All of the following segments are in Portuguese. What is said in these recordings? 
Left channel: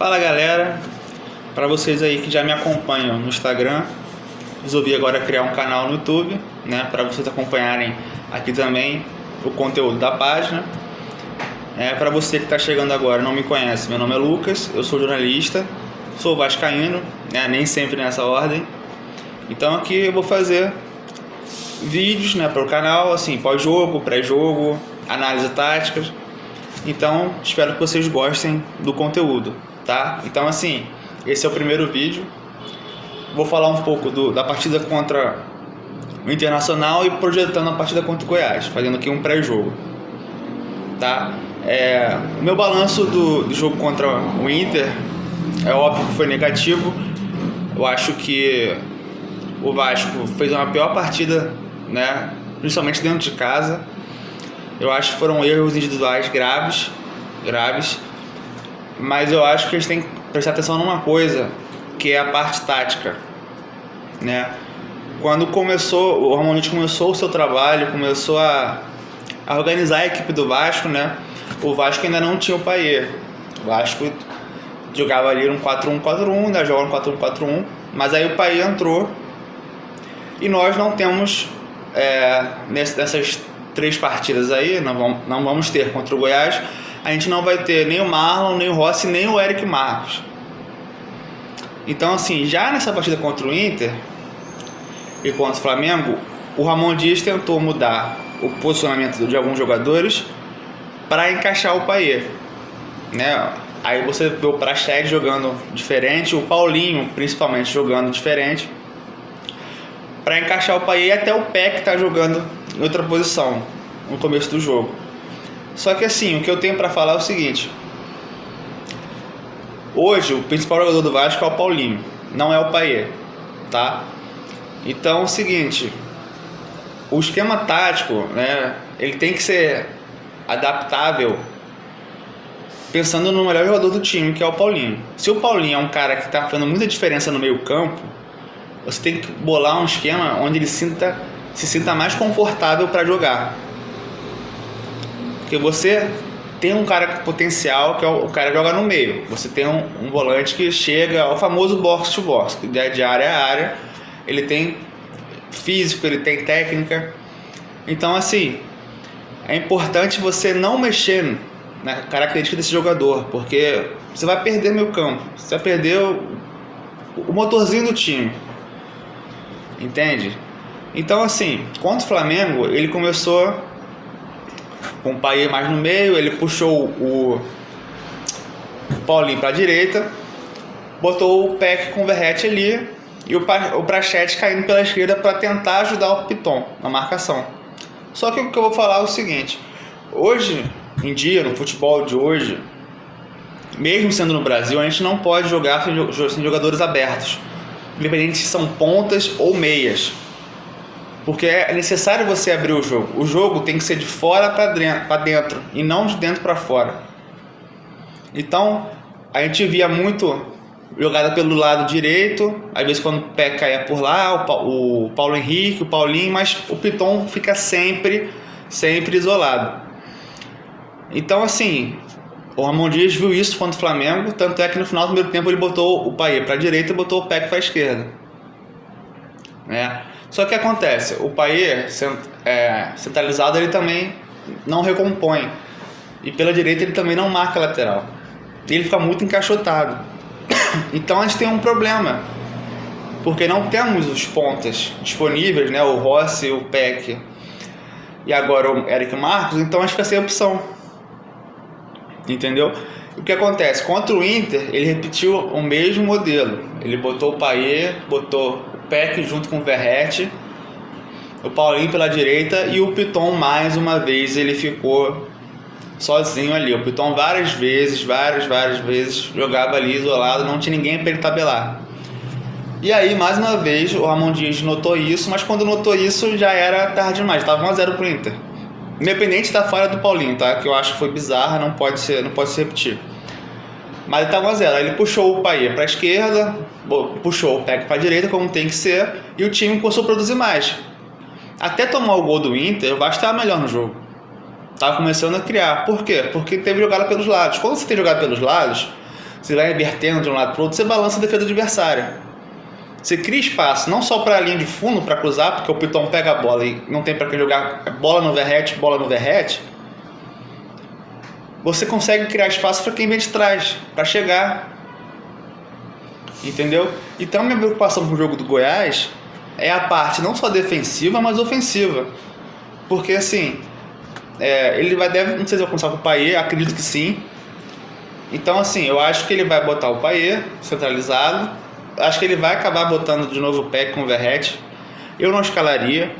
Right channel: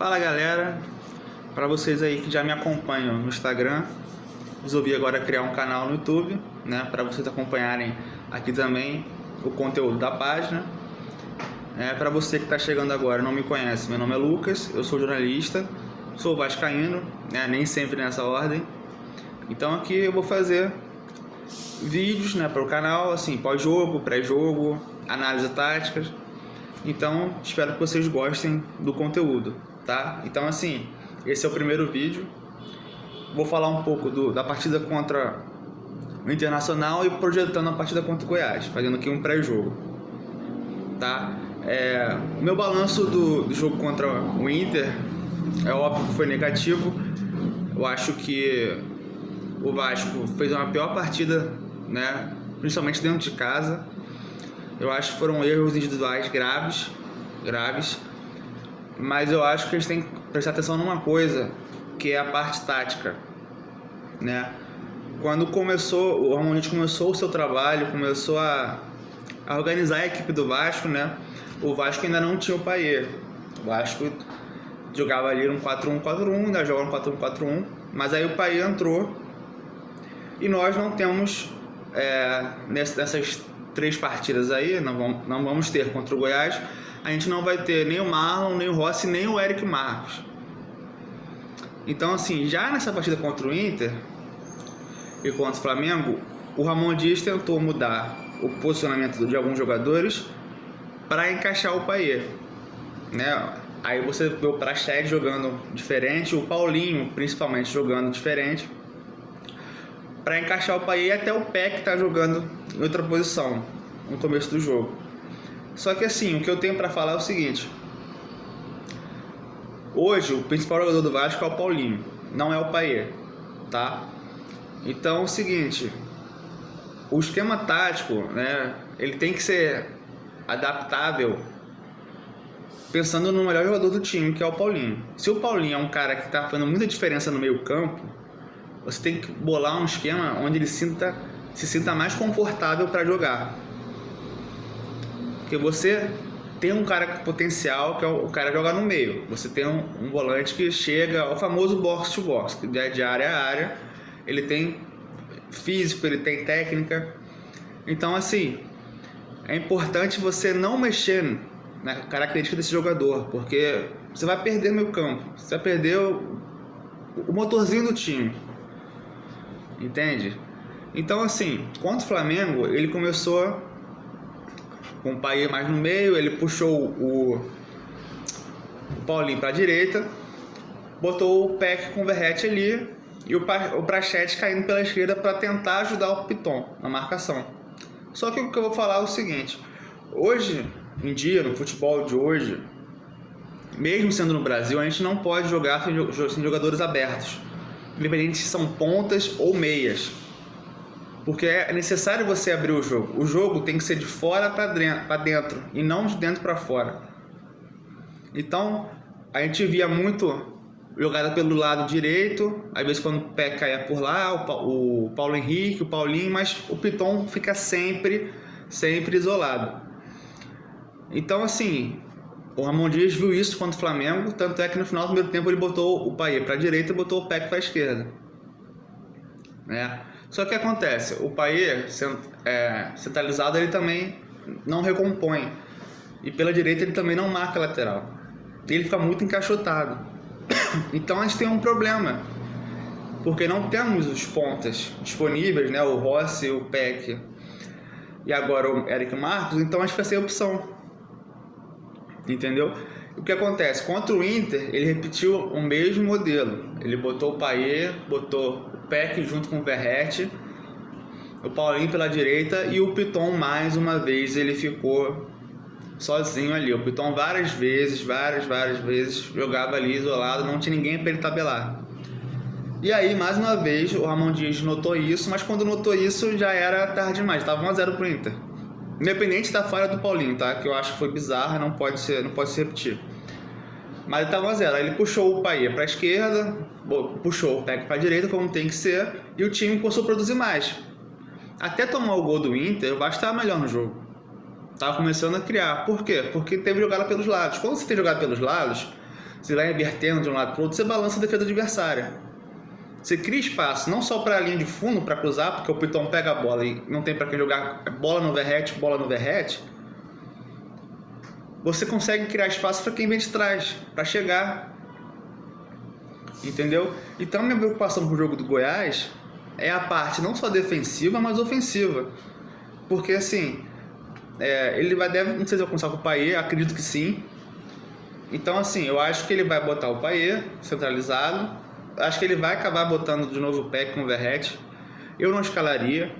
Fala galera, para vocês aí que já me acompanham no Instagram, resolvi agora criar um canal no YouTube, né, para vocês acompanharem aqui também o conteúdo da página. Para você que está chegando agora e não me conhece, meu nome é Lucas, eu sou jornalista, sou vascaíno, né, nem sempre nessa ordem. Então aqui eu vou fazer vídeos, né, para o canal, assim, pós-jogo, pré-jogo, análise táticas. Então espero que vocês gostem do conteúdo, tá? Então assim, esse é o primeiro vídeo. Vou falar um pouco da partida contra o Internacional e projetando a partida contra o Goiás, fazendo aqui um pré-jogo, tá? Meu balanço do jogo contra o Inter é óbvio que foi negativo. Eu acho que o Vasco fez uma pior partida, né? Principalmente dentro de casa. Eu acho que foram erros individuais graves, mas eu acho que eles têm que prestar atenção numa coisa, que é a parte tática, né? Quando o Ramonite começou o seu trabalho, começou a organizar a equipe do Vasco, né? O Vasco ainda não tinha o Payet. O Vasco jogava ali um 4-1-4-1, né? Jogava um 4-1-4-1, mas aí o Payet entrou e nós não temos nessas 3 partidas aí, não vamos ter contra o Goiás, a gente não vai ter nem o Marlon, nem o Rossi, nem o Eric Marcos. Então assim, já nessa partida contra o Inter e contra o Flamengo, o Ramon Dias tentou mudar o posicionamento de alguns jogadores para encaixar o Payet, né? Aí você vê o Praxedes jogando diferente, o Paulinho principalmente jogando diferente, para encaixar o Payet, e até o Peck tá jogando em outra posição no começo do jogo. Só que assim, o que eu tenho para falar é o seguinte: hoje o principal jogador do Vasco é o Paulinho, não é o Payet, tá? Então é o seguinte, o esquema tático, né, ele tem que ser adaptável pensando no melhor jogador do time, que é o Paulinho. Se o Paulinho é um cara que está fazendo muita diferença no meio campo, você tem que bolar um esquema onde ele se sinta mais confortável para jogar. Porque você tem um cara com potencial, que é o cara que joga no meio. Você tem um volante que chega ao famoso box to box, que é de área a área. Ele tem físico, ele tem técnica. Então assim, é importante você não mexer na característica desse jogador, porque você vai perder meio campo, você vai perder o motorzinho do time, entende? Então assim, contra o Flamengo, ele começou com o Payet mais no meio, ele puxou o Paulinho para a direita, botou o Peck com o Verratti ali e o Praxedes caindo pela esquerda para tentar ajudar o Piton na marcação. Só que o que eu vou falar é o seguinte: hoje em dia, no futebol de hoje, mesmo sendo no Brasil, a gente não pode jogar sem jogadores abertos, independente se são pontas ou meias, porque é necessário você abrir o jogo. O jogo tem que ser de fora para dentro e não de dentro para fora. Então a gente via muito jogada pelo lado direito, às vezes quando o pé caía por lá, o Paulo Henrique, o Paulinho, mas o Piton fica sempre isolado. Então assim, o Ramon Dias viu isso contra o Flamengo, tanto é que no final do primeiro tempo ele botou o Payet para a direita e botou o Peck para a esquerda, né? Só que acontece, o Payet centralizado, ele também não recompõe, e pela direita ele também não marca lateral, ele fica muito encaixotado. Então a gente tem um problema, porque não temos os pontas disponíveis, né? O Rossi, o Peck e agora o Eric Marcos, então a gente fica sem opção, entendeu? O que acontece? Contra o Inter, ele repetiu o mesmo modelo. Ele botou o Payet, botou o Peck junto com o Verratti, o Paulinho pela direita, e o Piton mais uma vez ele ficou sozinho ali. O Piton várias vezes jogava ali isolado, não tinha ninguém para ele tabelar. E aí, mais uma vez, o Ramon Dias notou isso, mas quando notou isso já era tarde demais, estava 1-0 pro Inter. Independente da falha do Paulinho, tá? Que eu acho que foi bizarra, não pode se repetir. Mas ele estava 1-0. Aí ele puxou o Payet para a esquerda, puxou o Peck para a direita, como tem que ser, e o time começou a produzir mais. Até tomar o gol do Inter, o Vasco estava melhor no jogo. Estava começando a criar. Por quê? Porque teve jogada pelos lados. Quando você tem jogada pelos lados, você vai invertendo de um lado para o outro, você balança a defesa adversária. Você cria espaço, não só para a linha de fundo, para cruzar, porque o Piton pega a bola e não tem para quem jogar bola no verrete. Você consegue criar espaço para quem vem de trás, para chegar. Entendeu? Então, minha preocupação com o jogo do Goiás é a parte não só defensiva, mas ofensiva. Porque, assim, ele não sei se vai começar com o Payet, acredito que sim. Então, assim, eu acho que ele vai botar o Payet centralizado. Acho que ele vai acabar botando de novo o Peck com o Verratti. Eu não escalaria.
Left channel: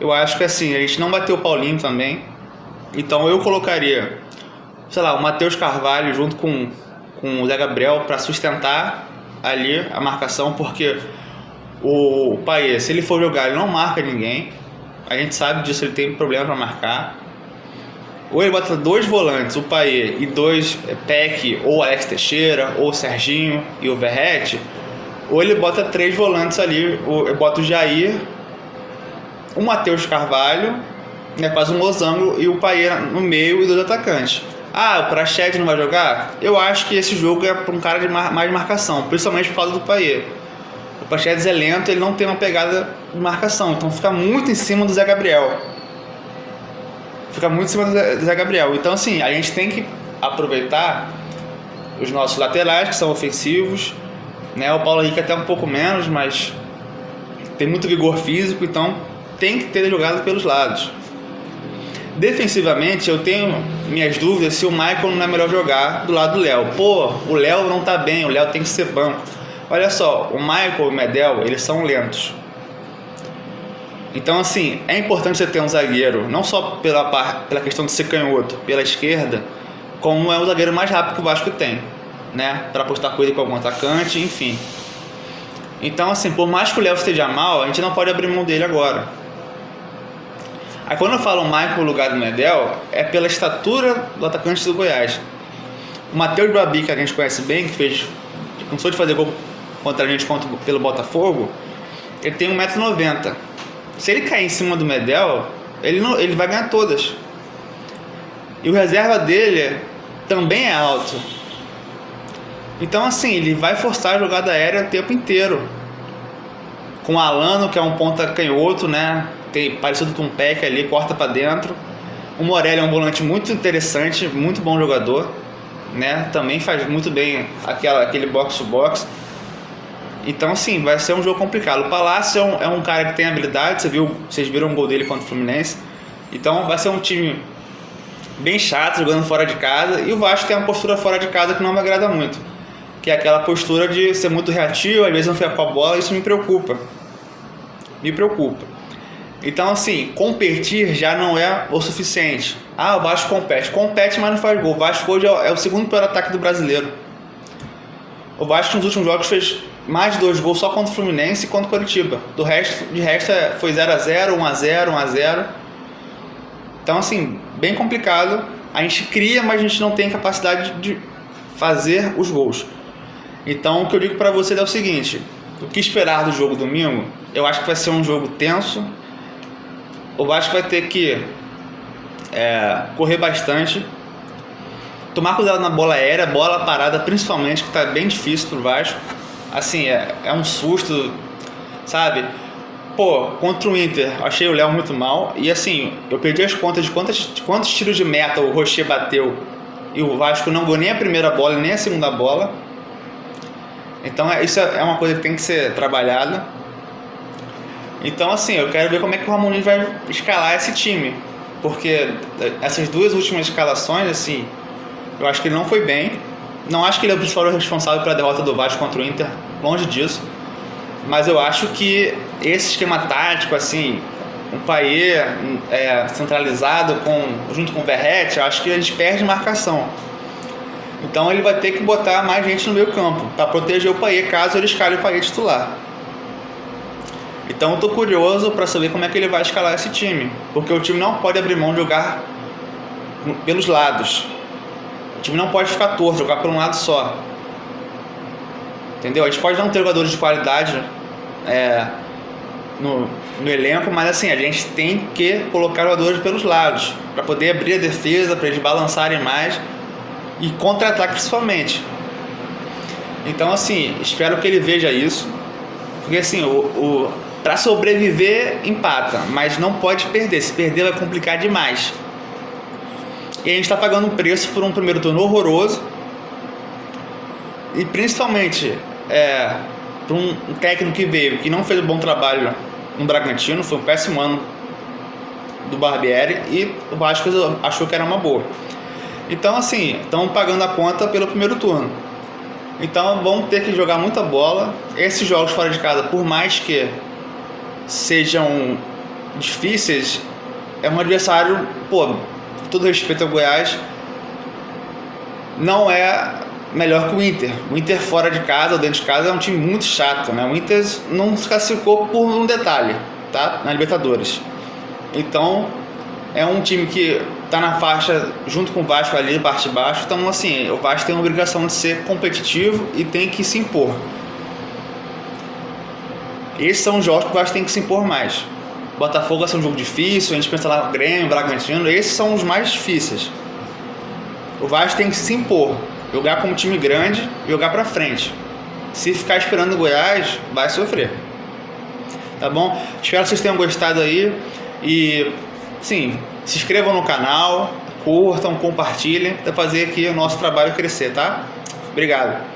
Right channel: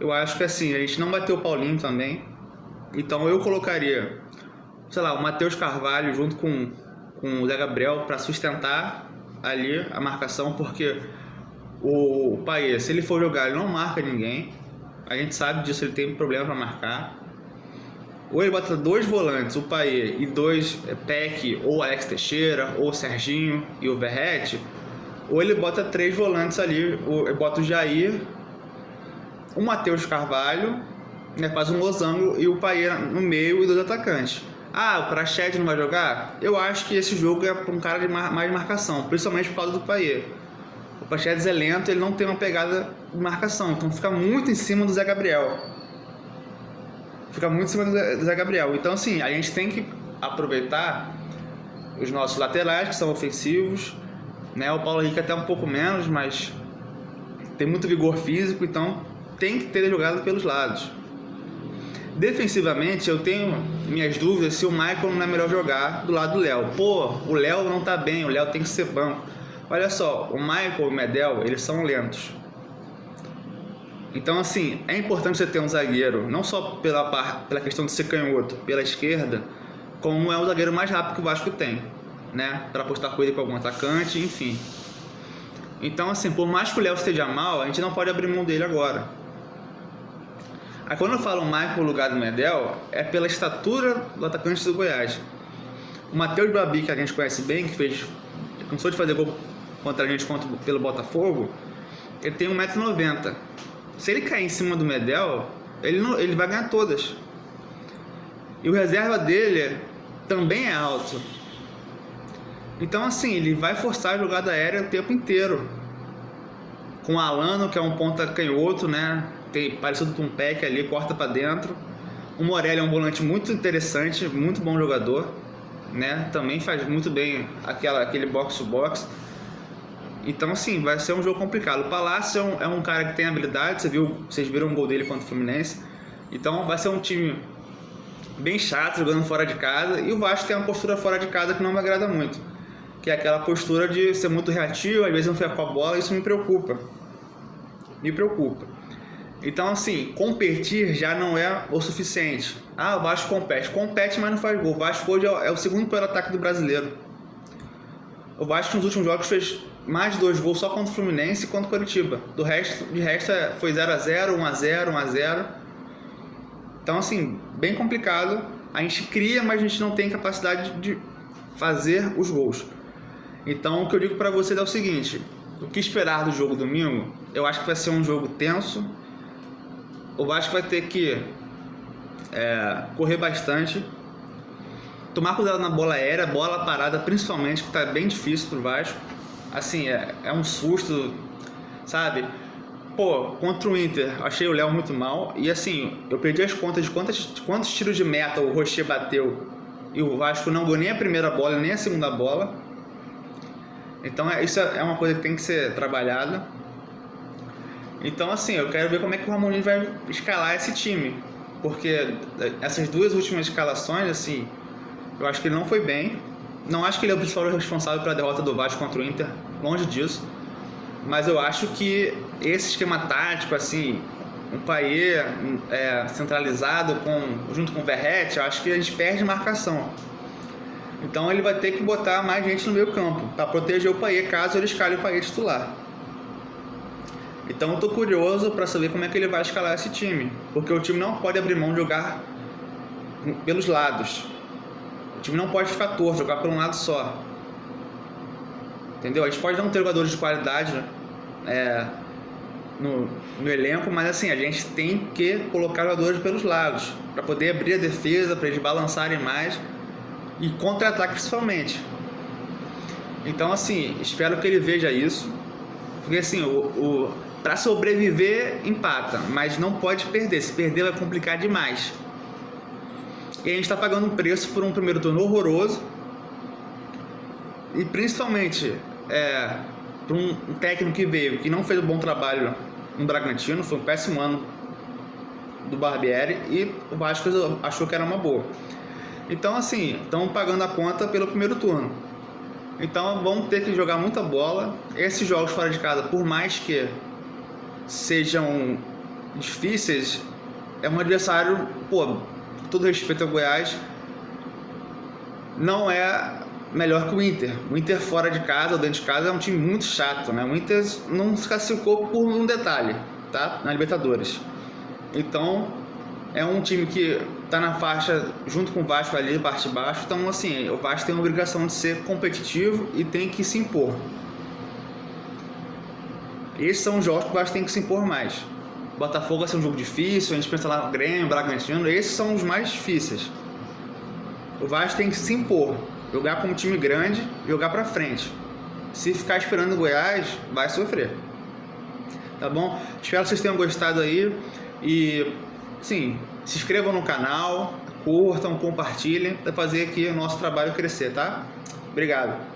Eu acho que assim, a gente não bateu o Paulinho também. Então eu colocaria, sei lá, o Matheus Carvalho junto com o Zé Gabriel para sustentar ali a marcação, porque o Payet, se ele for jogar, ele não marca ninguém. A gente sabe disso, ele tem problema para marcar. Ou ele bota 2 volantes, o Payet, e 2 Peck, ou Alex Teixeira, ou o Serginho e o Verratti. Ou ele bota 3 volantes ali, bota o Jair, o Matheus Carvalho, né, faz um losango e o Payet no meio e 2 atacantes. O Praxedes não vai jogar? Eu acho que esse jogo é para um cara de mais marcação, principalmente por causa do Payet. O Praxedes é lento, ele não tem uma pegada de marcação, então fica muito em cima do Zé Gabriel. Então, assim, a gente tem que aproveitar os nossos laterais, que são ofensivos, né? O Paulo Henrique até um pouco menos, mas tem muito vigor físico, então tem que ter jogado pelos lados. Defensivamente, eu tenho minhas dúvidas se o Michael não é melhor jogar do lado do Léo. O Léo não tá bem, o Léo tem que ser banco. Olha só, o Michael e o Medel, eles são lentos. Então, assim, é importante você ter um zagueiro, não só pela questão de ser canhoto, pela esquerda, como é o zagueiro mais rápido que o Vasco tem, né? Para apostar com ele com algum atacante, enfim. Então, assim, por mais que o Léo esteja mal, a gente não pode abrir mão dele agora. Aí, quando eu falo Michael no lugar do Medel, é pela estatura do atacante do Goiás. O Matheus Babi, que a gente conhece bem, que começou de fazer gol contra a gente pelo Botafogo, ele tem 1,90 m. Se ele cair em cima do Medel, ele vai ganhar todas. E o reserva dele também é alto. Então, assim, ele vai forçar a jogada aérea o tempo inteiro. Com o Alano, que é um ponta canhoto, né? Parecido com um Peck ali, corta para dentro. O Morelli é um volante muito interessante, muito bom jogador, né? Também faz muito bem aquele box-to-box. Então, assim, vai ser um jogo complicado. O Palácio é um cara que tem habilidade, vocês viram o gol dele contra o Fluminense. Então, vai ser um time bem chato, jogando fora de casa. E o Vasco tem uma postura fora de casa que não me agrada muito, que é aquela postura de ser muito reativo, às vezes não ficar com a bola. Isso me preocupa. Então, assim, competir já não é o suficiente. O Vasco compete, mas não faz gol. O Vasco hoje é o segundo pior ataque do brasileiro. O Vasco nos últimos jogos fez mais de 2 gols só contra o Fluminense e contra o Coritiba. De resto foi 0-0, 1-0, 1-0. Então, assim, bem complicado. A gente cria, mas a gente não tem capacidade de fazer os gols. Então, o que eu digo para vocês é o seguinte: o que esperar do jogo domingo? Eu acho que vai ser um jogo tenso. O Vasco vai ter que correr bastante, tomar cuidado na bola aérea, bola parada principalmente, que está bem difícil pro Vasco. Assim, é um susto, sabe? Contra o Inter, achei o Léo muito mal. E assim, eu perdi as contas de quantos tiros de meta o Rocher bateu e o Vasco não ganhou nem a primeira bola nem a segunda bola. Então isso é uma coisa que tem que ser trabalhada. Então, assim, eu quero ver como é que o Ramon vai escalar esse time, porque essas 2 últimas escalações, assim, eu acho que ele não foi bem. Não acho que ele é o principal responsável pela derrota do Vasco contra o Inter, longe disso. Mas eu acho que esse esquema tático, assim, um Payet centralizado junto com o Verratti, eu acho que a gente perde marcação. Então ele vai ter que botar mais gente no meio campo para proteger o Payet, caso ele escale o Payet titular. Então eu estou curioso para saber como é que ele vai escalar esse time, porque o time não pode abrir mão de jogar pelos lados. O time não pode ficar torto, jogar por um lado só. Entendeu? A gente pode não ter jogadores de qualidade no elenco, mas assim, a gente tem que colocar jogadores pelos lados para poder abrir a defesa, para eles balançarem mais e contra-ataque principalmente. Então, assim, espero que ele veja isso. Porque, assim, para sobreviver, empata. Mas não pode perder. Se perder, vai complicar demais. E a gente está pagando um preço por um primeiro turno horroroso. E, principalmente, por um técnico que veio, que não fez um bom trabalho no Bragantino. Foi um péssimo ano do Barbieri. E o Vasco achou que era uma boa. Então, assim, estão pagando a conta pelo primeiro turno. Então vão ter que jogar muita bola. Esses jogos fora de casa, por mais que sejam difíceis, é um adversário, com todo respeito ao Goiás, não é melhor que o Inter. O Inter fora de casa ou dentro de casa é um time muito chato, né? O Inter não se classificou por um detalhe, tá? Na Libertadores. Então é um time que tá na faixa junto com o Vasco ali, parte de baixo. Então, assim, o Vasco tem a obrigação de ser competitivo e tem que se impor. Esses são os jogos que o Vasco tem que se impor mais. Botafogo vai ser um jogo difícil, a gente pensa lá no Grêmio, Bragantino, esses são os mais difíceis. O Vasco tem que se impor, jogar como time grande, jogar pra frente. Se ficar esperando o Goiás, vai sofrer. Tá bom? Espero que vocês tenham gostado aí e, sim, se inscrevam no canal, curtam, compartilhem para fazer aqui o nosso trabalho crescer, tá? Obrigado.